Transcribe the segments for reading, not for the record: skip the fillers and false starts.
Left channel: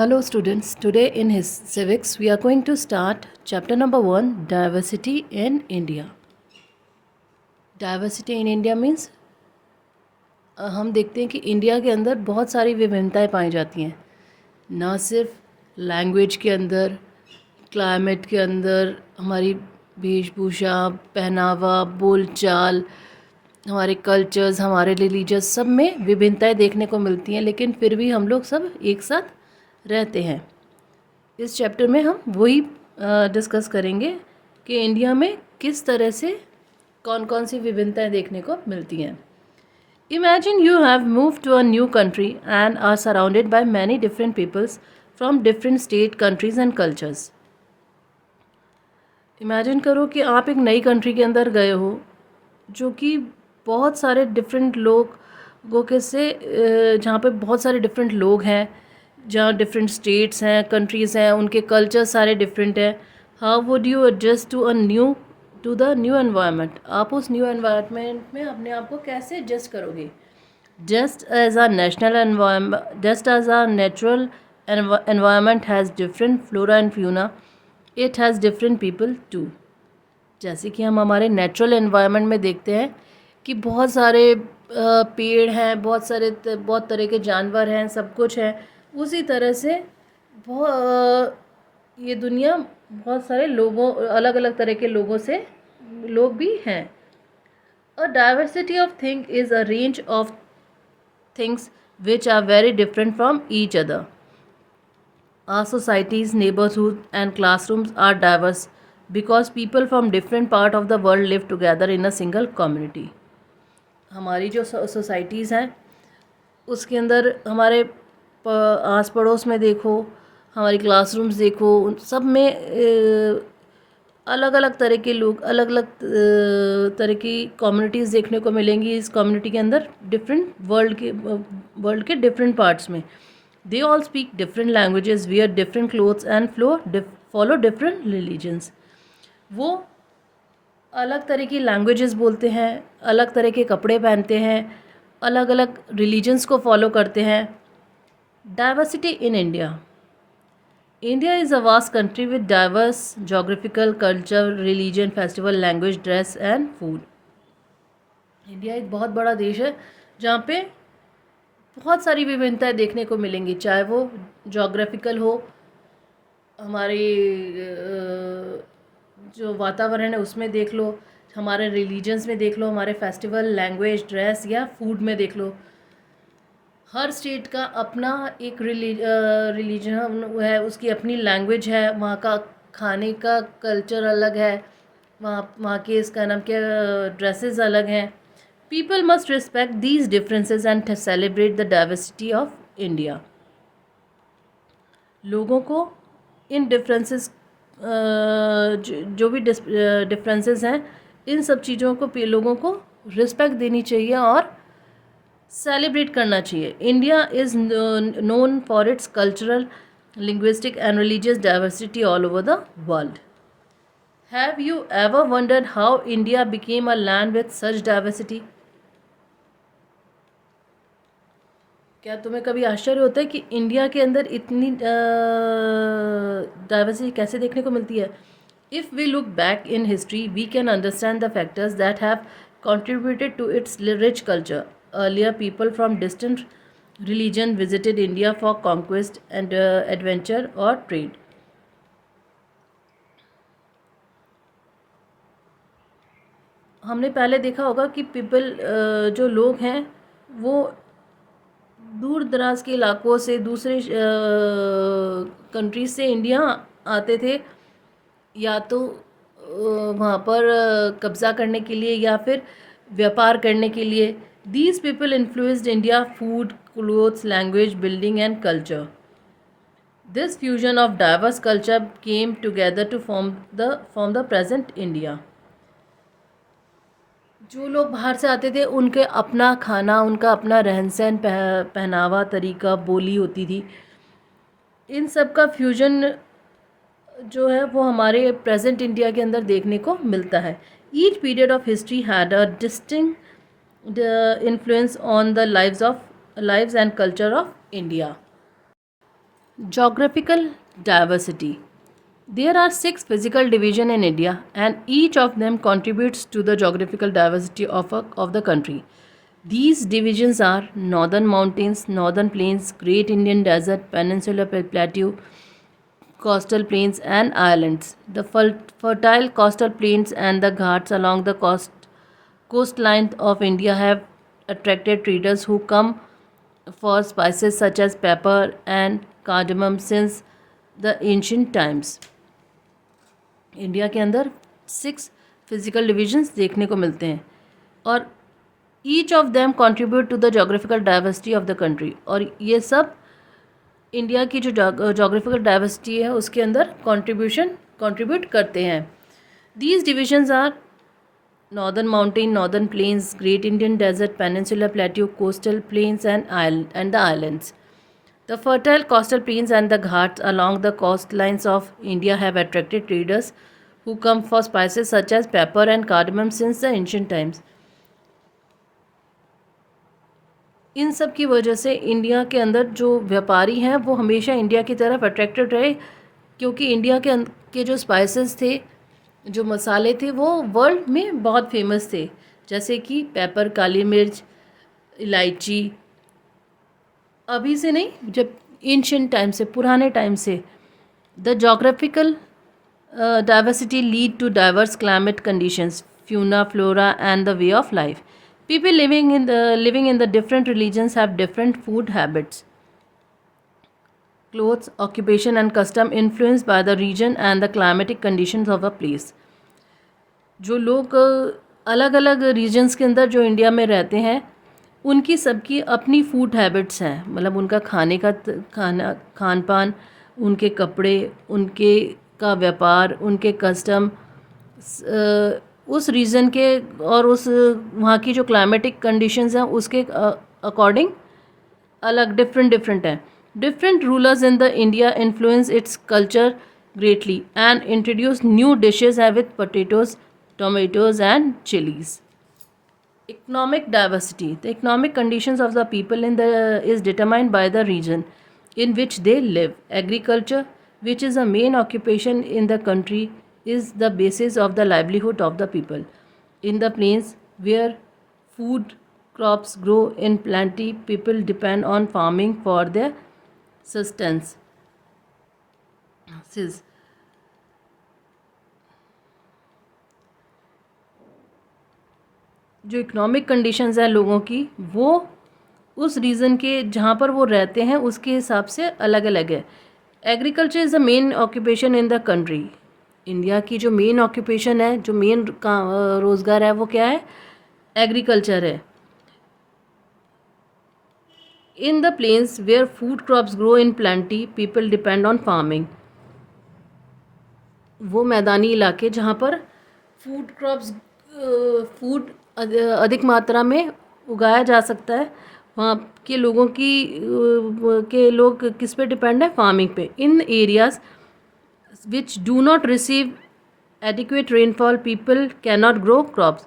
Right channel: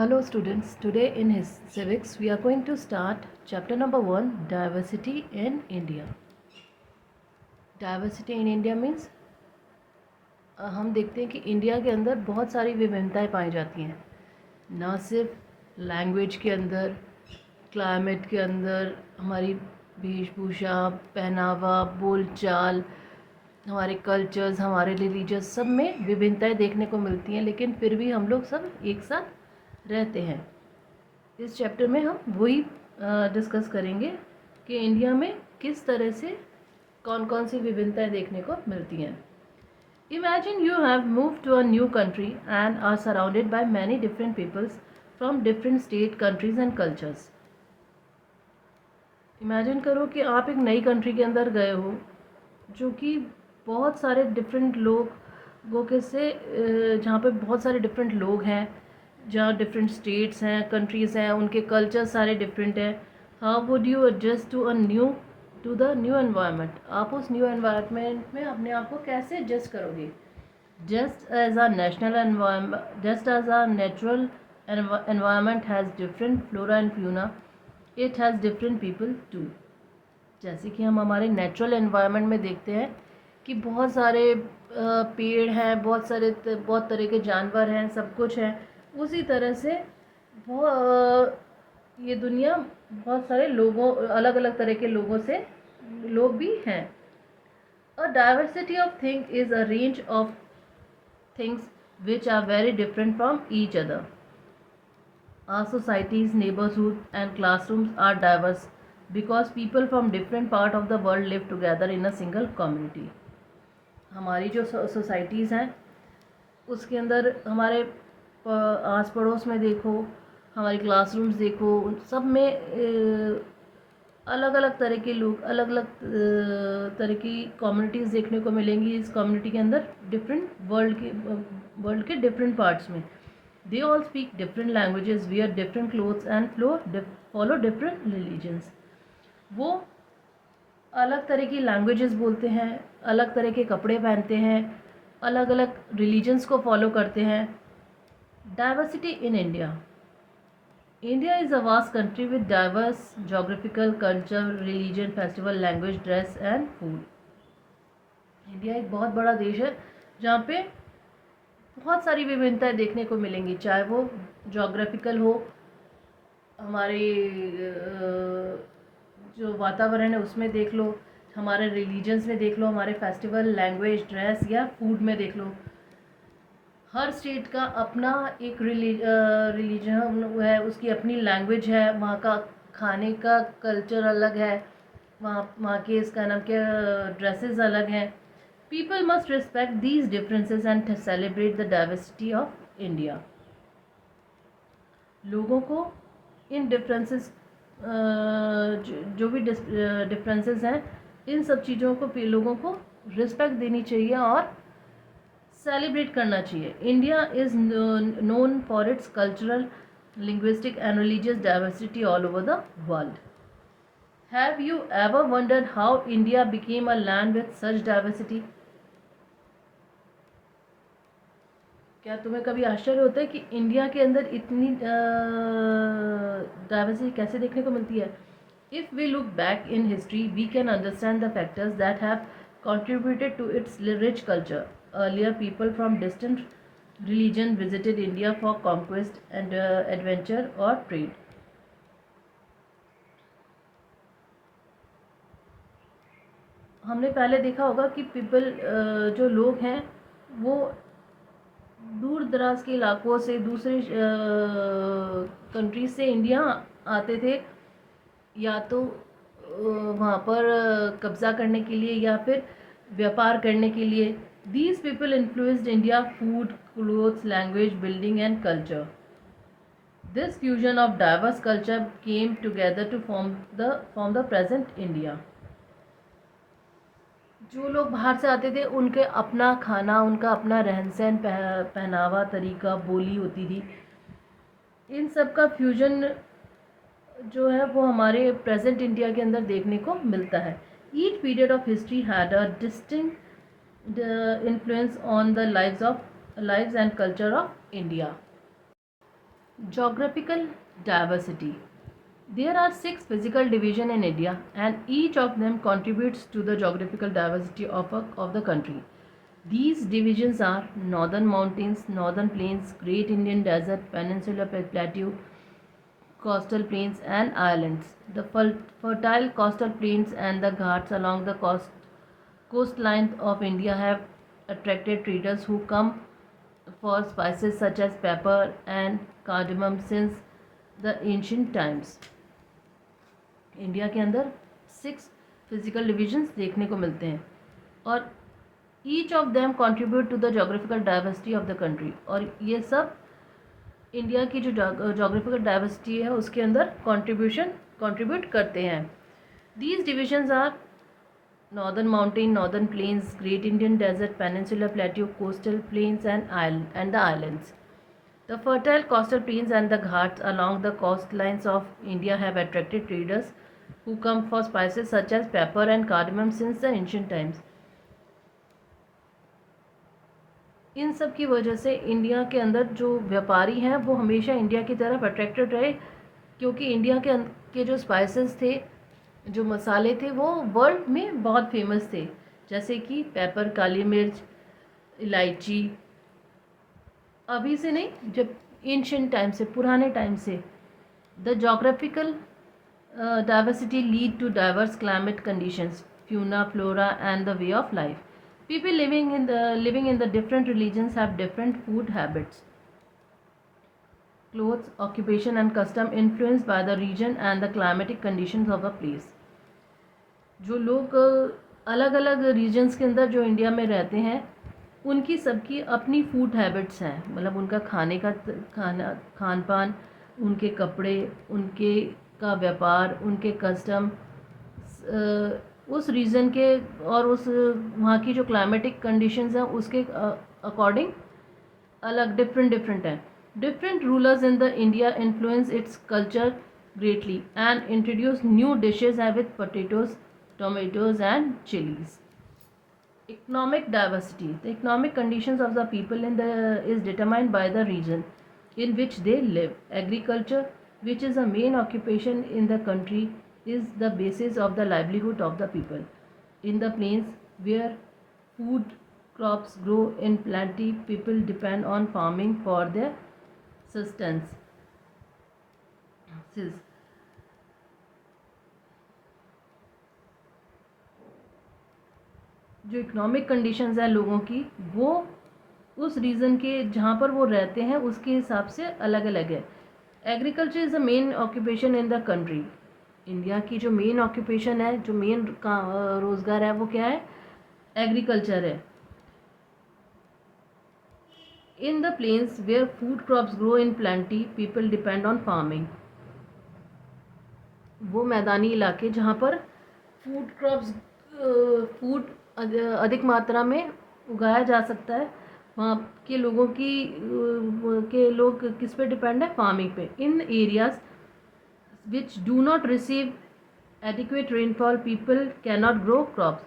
Hello students, today in his civics we are going to start chapter number 1, diversity in India. Diversity in India means हम देखते हैं कि India के अंदर बहुत सारी विभिन्नताएं पाई जाती हैं, ना सिर्फ लैंग्वेज के अंदर, क्लाइमेट के अंदर, हमारी वेशभूषा, पहनावा, बोलचाल, हमारे कल्चर्स, हमारे रिलीजियस, सब में विभिन्नताएं देखने को मिलती हैं, लेकिन फिर भी हम लोग सब एक साथ रहते हैं। इस चैप्टर में हम वही डिस्कस करेंगे कि इंडिया में किस तरह से कौन कौन सी विभिन्नताएं देखने को मिलती हैं। Imagine you have move to a new country and are surrounded by many different peoples from different state, countries and cultures. Imagine करो कि आप एक नई कंट्री के अंदर गए हो जो कि बहुत सारे डिफरेंट लोगों के से जहाँ पे बहुत सारे डिफरेंट लोग हैं, जहाँ डिफरेंट स्टेट्स हैं, कंट्रीज़ हैं, उनके कल्चर सारे डिफरेंट हैं। How would you adjust to the new environment? आप उस न्यू एनवायरनमेंट में अपने आप को कैसे एडजस्ट करोगे? Just as a natural environment has different flora and fauna, it has different people too. जैसे कि हम हमारे नेचुरल एनवायरनमेंट में देखते हैं कि बहुत सारे पेड़ हैं, बहुत तरह के जानवर हैं, सब कुछ है। उसी तरह से ये दुनिया बहुत सारे लोगों, अलग अलग तरह के लोग भी हैं। A diversity of thing is a range of things which are very different from each other. Our societies, neighborhoods, and classrooms are diverse because people from different part of the world live together in a single community. हमारी जो societies हैं उसके अंदर हमारे आस पड़ोस में देखो, हमारी क्लासरूम्स देखो, उन सब में अलग अलग तरह के लोग, अलग अलग तरह की कम्युनिटीज़ देखने को मिलेंगी। इस कम्युनिटी के अंदर डिफरेंट वर्ल्ड के डिफरेंट पार्ट्स में they all speak different languages, wear different clothes and follow different religions. वो अलग तरह की लैंग्वेजेस बोलते हैं, अलग तरह के कपड़े पहनते हैं, अलग अलग रिलीजन्स को फॉलो करते हैं. Diversity in India. India is a vast country with diverse geographical, culture, religion, festival, language, dress and food. India एक बहुत बड़ा देश है जहाँ पे बहुत सारी विभिन्नताएं देखने को मिलेंगी, चाहे वो जोग्राफिकल हो, हमारे जो वातावरण है उसमें देख लो, हमारे रिलीजन्स में देख लो, हमारे फेस्टिवल, लैंग्वेज, ड्रेस या फूड में देख लो. हर स्टेट का अपना एक रिलीजन है, उसकी अपनी लैंग्वेज है, वहाँ का खाने का कल्चर अलग है, वहाँ के इसका नाम क्या, ड्रेसेस अलग हैं. People must respect these differences and to celebrate the diversity of India. लोगों को इन डिफरेंसेस, जो भी डिफरेंसेस हैं, इन सब चीज़ों को लोगों को रिस्पेक्ट देनी चाहिए और सेलिब्रेट करना चाहिए. India is known for it's cultural, linguistic and religious diversity all over the world. Have you ever wondered how India became a land with such diversity? क्या तुम्हें कभी आश्चर्य होता है कि इंडिया के अंदर इतनी डाइवर्सिटी कैसे देखने को मिलती है? If we look back in history we can understand the factors that have contributed to its rich culture. Earlier, people from distant religion visited India for conquest and adventure or trade. हमने पहले देखा होगा कि जो लोग हैं वो दूर दराज के इलाकों से, दूसरे कंट्रीज से इंडिया आते थे, या तो वहाँ पर कब्ज़ा करने के लिए या फिर व्यापार करने के लिए. These people influenced India food, clothes, language, building and culture. This fusion of diverse culture came together to form the present India. जो लोग बाहर से आते थे उनके अपना खाना, उनका अपना रहन सहन, पहनावा, तरीका, बोली होती थी. इन सब का फ्यूजन जो है वो हमारे प्रेजेंट इंडिया के अंदर देखने को मिलता है. Each period of history had a distinct influence on the lives and culture of India. Geographical diversity. There are 6 physical divisions in India, and each of them contributes to the geographical diversity of the country. These divisions are Northern Mountains, Northern Plains, Great Indian Desert, Peninsular Plateau, coastal plains and islands. The fertile coastal plains and the ghats along the coastline of India have attracted traders who come for spices such as pepper and cardamom since the ancient times. India के अंदर 6 physical divisions देखने को मिलते हैं और each of them contribute to the geographical diversity of the country, और ये सब इंडिया की जो जोग्राफिकल डाइवर्सिटी है उसके अंदर कंट्रीब्यूट करते हैं. These divisions are northern mountain, northern plains, great Indian desert, peninsular plateau, coastal plains and the islands. The fertile coastal plains and the ghats along the coastlines of India have attracted traders who come for spices such as pepper and cardamom since the ancient times. इन सब की वजह से India के अंदर जो व्यापारी हैं वो हमेशा इंडिया की तरफ अट्रैक्टेड रहे, क्योंकि इंडिया के जो स्पाइसेस थे, जो मसाले थे, वो वर्ल्ड में बहुत फेमस थे, जैसे कि पेपर, काली मिर्च, इलायची. अभी से नहीं, जब एंशिएंट टाइम से, पुराने टाइम से. The geographical diversity lead to diverse climate conditions, fauna, flora and the way of life. People living in the different religions have different food habits, clothes, occupation and custom influenced by the region and the climatic conditions of a place. जो लोग अलग अलग regions के अंदर जो India में रहते हैं, उनकी सबकी अपनी फूड हैबिट्स हैं. मतलब उनका खान पान, उनके कपड़े, उनके का व्यापार, उनके कस्टम उस रीजन के और उस वहाँ की जो क्लाइमेटिक कंडीशंस हैं उसके अकॉर्डिंग अलग डिफरेंट हैं. Different rulers in the India influence its culture greatly and introduce new dishes with potatoes, tomatoes and chilies. Economic diversity. The economic conditions of the people is determined by the region in which they live. Agriculture, which is a main occupation in the country, is the basis of the livelihood of the people. In the plains, where food crops grow in plenty, people depend on farming for their sustenance. जो economic conditions हैं लोगों की, वो उस reason के जहाँ पर वो रहते हैं उसके हिसाब से अलग अलग है. Agriculture is the main occupation in the country. India की जो मेन ऑक्यूपेशन है, जो मेन रोज़गार है, वो क्या है? एग्रीकल्चर है. In the plains where food crops grow in plenty, people depend on farming. वो मैदानी इलाके जहाँ पर फूड अधिक मात्रा में उगाया जा सकता है, वहाँ के लोगों के लोग किस पे डिपेंड है? फार्मिंग पे. In areas which do not receive adequate rainfall, people can not grow crops.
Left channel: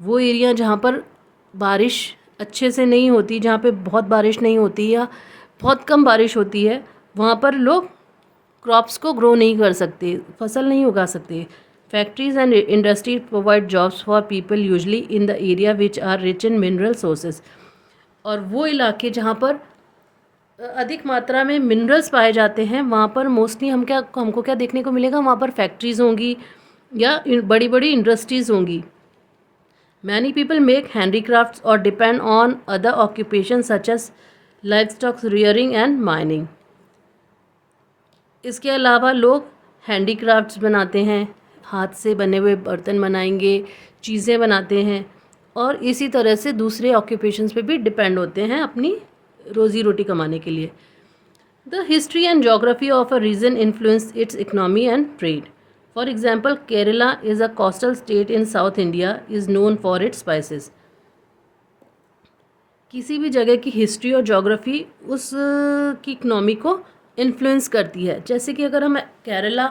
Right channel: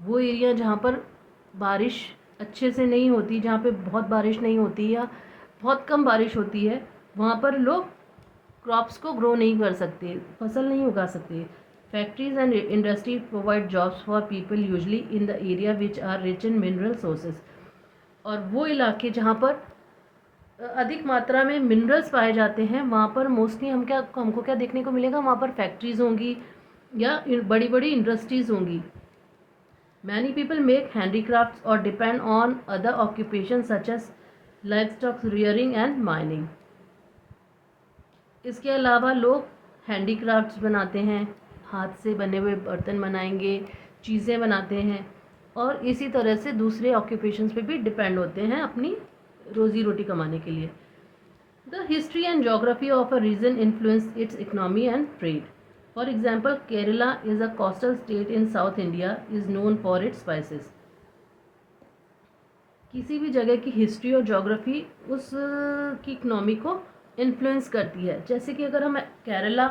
वो एरिया जहाँ पर बारिश अच्छे से नहीं होती, जहाँ पे बहुत बारिश नहीं होती या बहुत कम बारिश होती है, वहाँ पर लोग क्रॉप्स को ग्रो नहीं कर सकते, फसल नहीं उगा सकते. Factories and industries provide jobs for people usually in the area which are rich in mineral sources. और वो इलाके जहाँ पर अधिक मात्रा में मिनरल्स पाए जाते हैं, वहाँ पर मोस्टली हमको क्या देखने को मिलेगा? वहाँ पर फैक्ट्रीज़ होंगी या बड़ी बड़ी इंडस्ट्रीज़ होंगी. मैनी पीपल मेक हैंडीक्राफ्ट्स और depend on other occupation such as livestock rearing and mining. इसके अलावा लोग हैंडीक्राफ्ट्स बनाते हैं, हाथ से बने हुए बर्तन बनाएंगे, चीज़ें बनाते हैं, और इसी तरह से दूसरे ऑक्यूपेशंस पे भी डिपेंड होते हैं अपनी रोज़ी रोटी कमाने के लिए. The history and geography of a region influence its economy and trade. For example, Kerala is a coastal state in South India, is known for its spices. किसी भी जगह की हिस्ट्री और जोग्राफी उस की इकनॉमी को इन्फ्लुएंस करती है. जैसे कि अगर हम केरला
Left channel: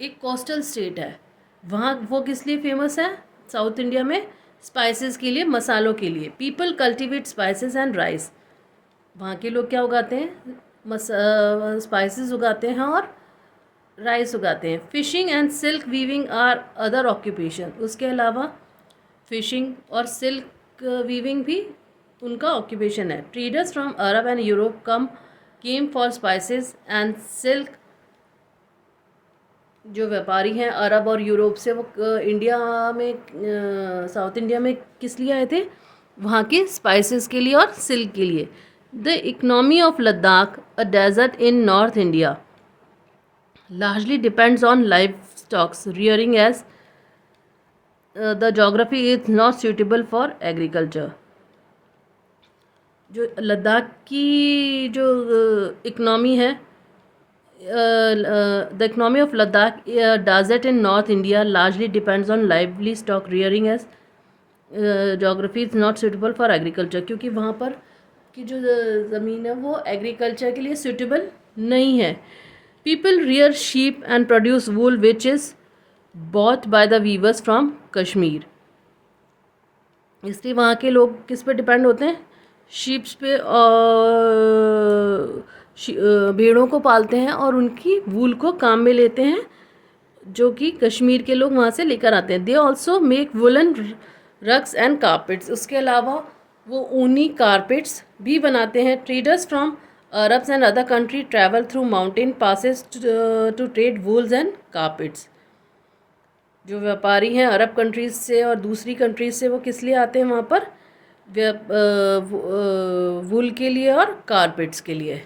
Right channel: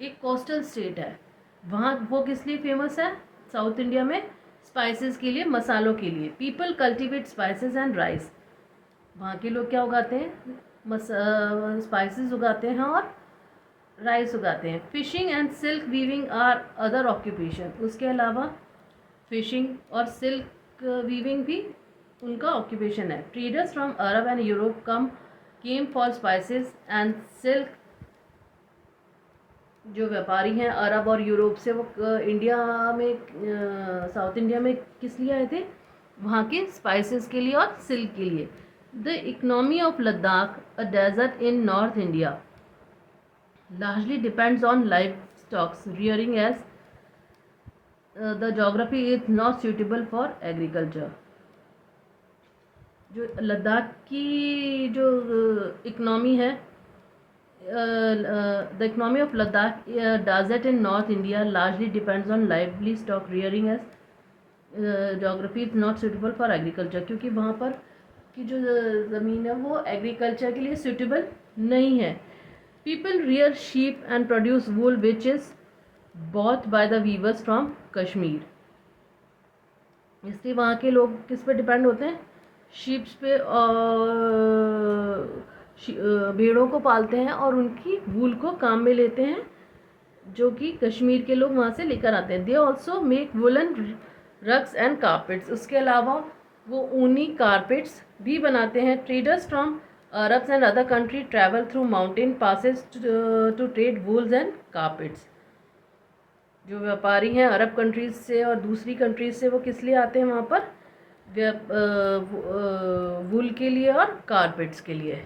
एक कोस्टल स्टेट है, वहाँ वो किस लिए फेमस है? साउथ इंडिया में स्पाइसेस के लिए, मसालों के लिए. People cultivate spices and rice. वहाँ के लोग क्या उगाते हैं? स्पाइसेस उगाते हैं और राइस उगाते हैं। Fishing and silk weaving are other occupation. उसके अलावा फिशिंग और सिल्क वीविंग भी उनका ऑक्यूपेशन है। Traders from Arab and Europe came for spices and silk. जो व्यापारी हैं अरब और यूरोप से, वो इंडिया में, साउथ इंडिया में किस लिए आए थे? वहाँ के स्पाइसेस के लिए और सिल्क के लिए। The economy of Ladakh, a desert in North India, largely depends on livestock rearing as the geography is not suitable for agriculture. जो लद्दाख की जो इकनॉमी है, the economy of Ladakh desert in North India largely depends on livestock rearing as geography is not suitable for agriculture. क्योंकि वहाँ पर की जो ज़मीन है वो एग्रीकल्चर के लिए सुटेबल नहीं है। People rear sheep and produce wool which is bought by the weavers from Kashmir. इसलिए वहाँ के लोग किस पे डिपेंड होते हैं? शीप्स पे और भेड़ों को पालते हैं और उनकी वूल को काम में लेते हैं, जो कि कश्मीर के लोग वहाँ से लेकर आते हैं। They also make woollen rugs and carpets. उसके अलावा वो ऊनी कारपेट्स भी बनाते हैं। Traders from Arabs and other country travel through mountain passes to trade wools and carpets. जो व्यापारी हैं अरब कंट्रीज से और दूसरी कंट्रीज से, वो किस लिए आते हैं वहाँ पर? वूल के लिए और कारपेट्स के लिए।